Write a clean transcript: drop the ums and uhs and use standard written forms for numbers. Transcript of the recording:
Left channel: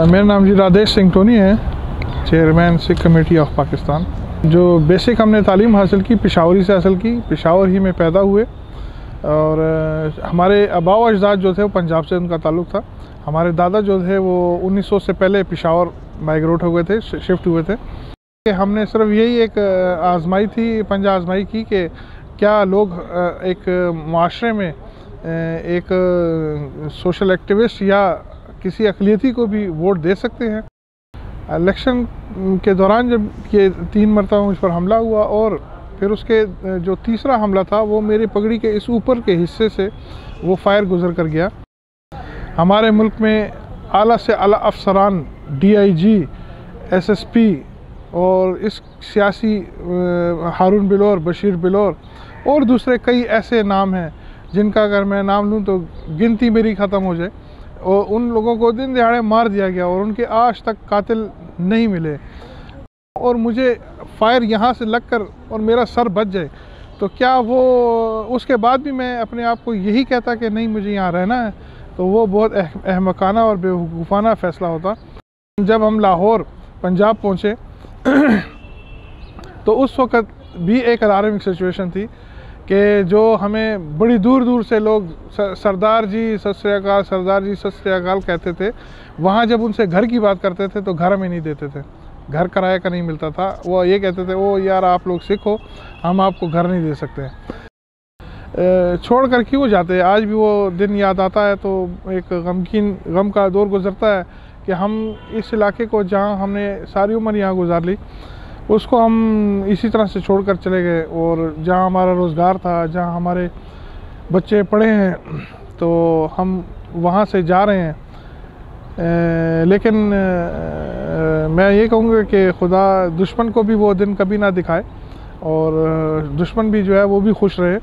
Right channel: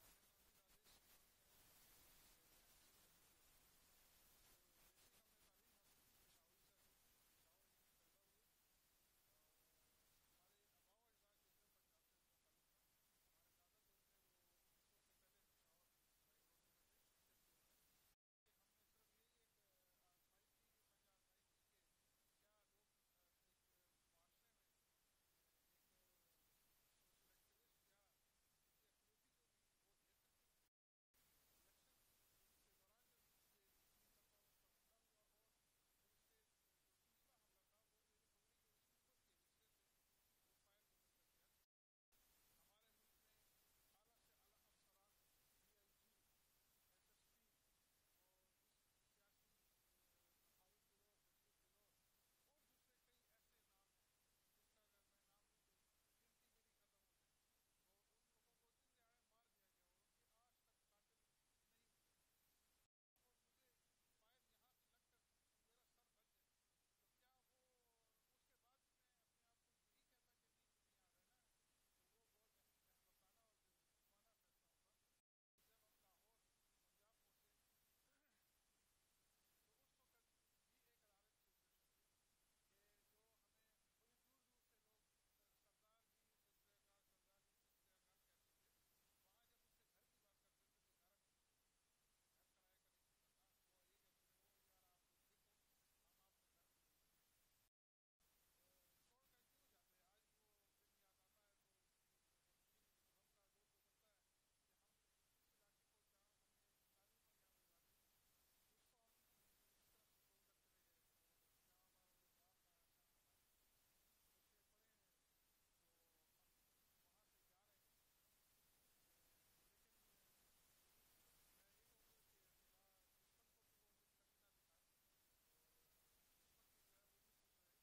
मेरा नाम जी राधेश सिंह टोनी है, chairman Sikh committee of Pakistan. जो बेसिक हमने तालीम हासिल की पेशावरी से हासिल की, पेशावर ही में पैदा हुए और हमारे आबा व अजदाद जो थे वो पंजाब से उनका ताल्लुक़ था। हमारे दादा जो थे वो 1900 से पहले पेशावर माइग्रेट हो गए थे, शिफ्ट हुए थे। हमने सिर्फ यही एक आजमाई थी, पंजा आजमाई की कि क्या लोग एक माशरे में एक सोशल एक्टिविस्ट या किसी अक़लियती को भी वोट दे सकते हैं। इलेक्शन के दौरान जब ये 3 मरतबा मुझ पर हमला हुआ और फिर उसके जो तीसरा हमला था वो मेरी पगड़ी के इस ऊपर के हिस्से से वो फायर गुजर कर गया। हमारे मुल्क में आला से आला अफसरान, DIG, SSP और इस सियासी हारून बिलोर, बशीर बिलोर और दूसरे कई ऐसे नाम हैं जिनका अगर मैं नाम लूँ तो गिनती मेरी ख़त्म हो जाए। और उन लोगों को दिन दिहाड़े मार दिया गया और उनके आज तक कातिल नहीं मिले। और मुझे फायर यहाँ से लगकर और मेरा सर बच जाए तो क्या वो उसके बाद भी मैं अपने आप को यही कहता कि नहीं मुझे यहाँ रहना है, तो वो बहुत अहमकाना और बेवकूफ़ाना फ़ैसला होता। जब हम लाहौर पंजाब पहुँचे तो उस वक़्त भी एक अलार्मिंग सिचुएशन थी कि जो हमें बड़ी दूर दूर से लोग सरदार जी सत श्री अकाल, सरदार जी सत श्री अकाल कहते थे। वहाँ जब उनसे घर की बात करते थे तो घर में नहीं देते थे, घर किराए का नहीं मिलता था। वो ये कहते थे ओ यार आप लोग सिख हो, हम आपको घर नहीं दे सकते। छोड़ कर क्यों जाते। आज भी वो दिन याद आता है तो एक गम का दौर गुजरता है कि हम इस इलाके को जहाँ हमने सारी उम्र यहाँ गुजार ली उसको हम इसी तरह से छोड़कर चले गए। और जहाँ हमारा रोज़गार था, जहाँ हमारे बच्चे पढ़े हैं, तो हम वहाँ से जा रहे हैं। लेकिन मैं ये कहूँगा कि खुदा दुश्मन को भी वो दिन कभी ना दिखाए और दुश्मन भी जो है वो भी खुश रहे।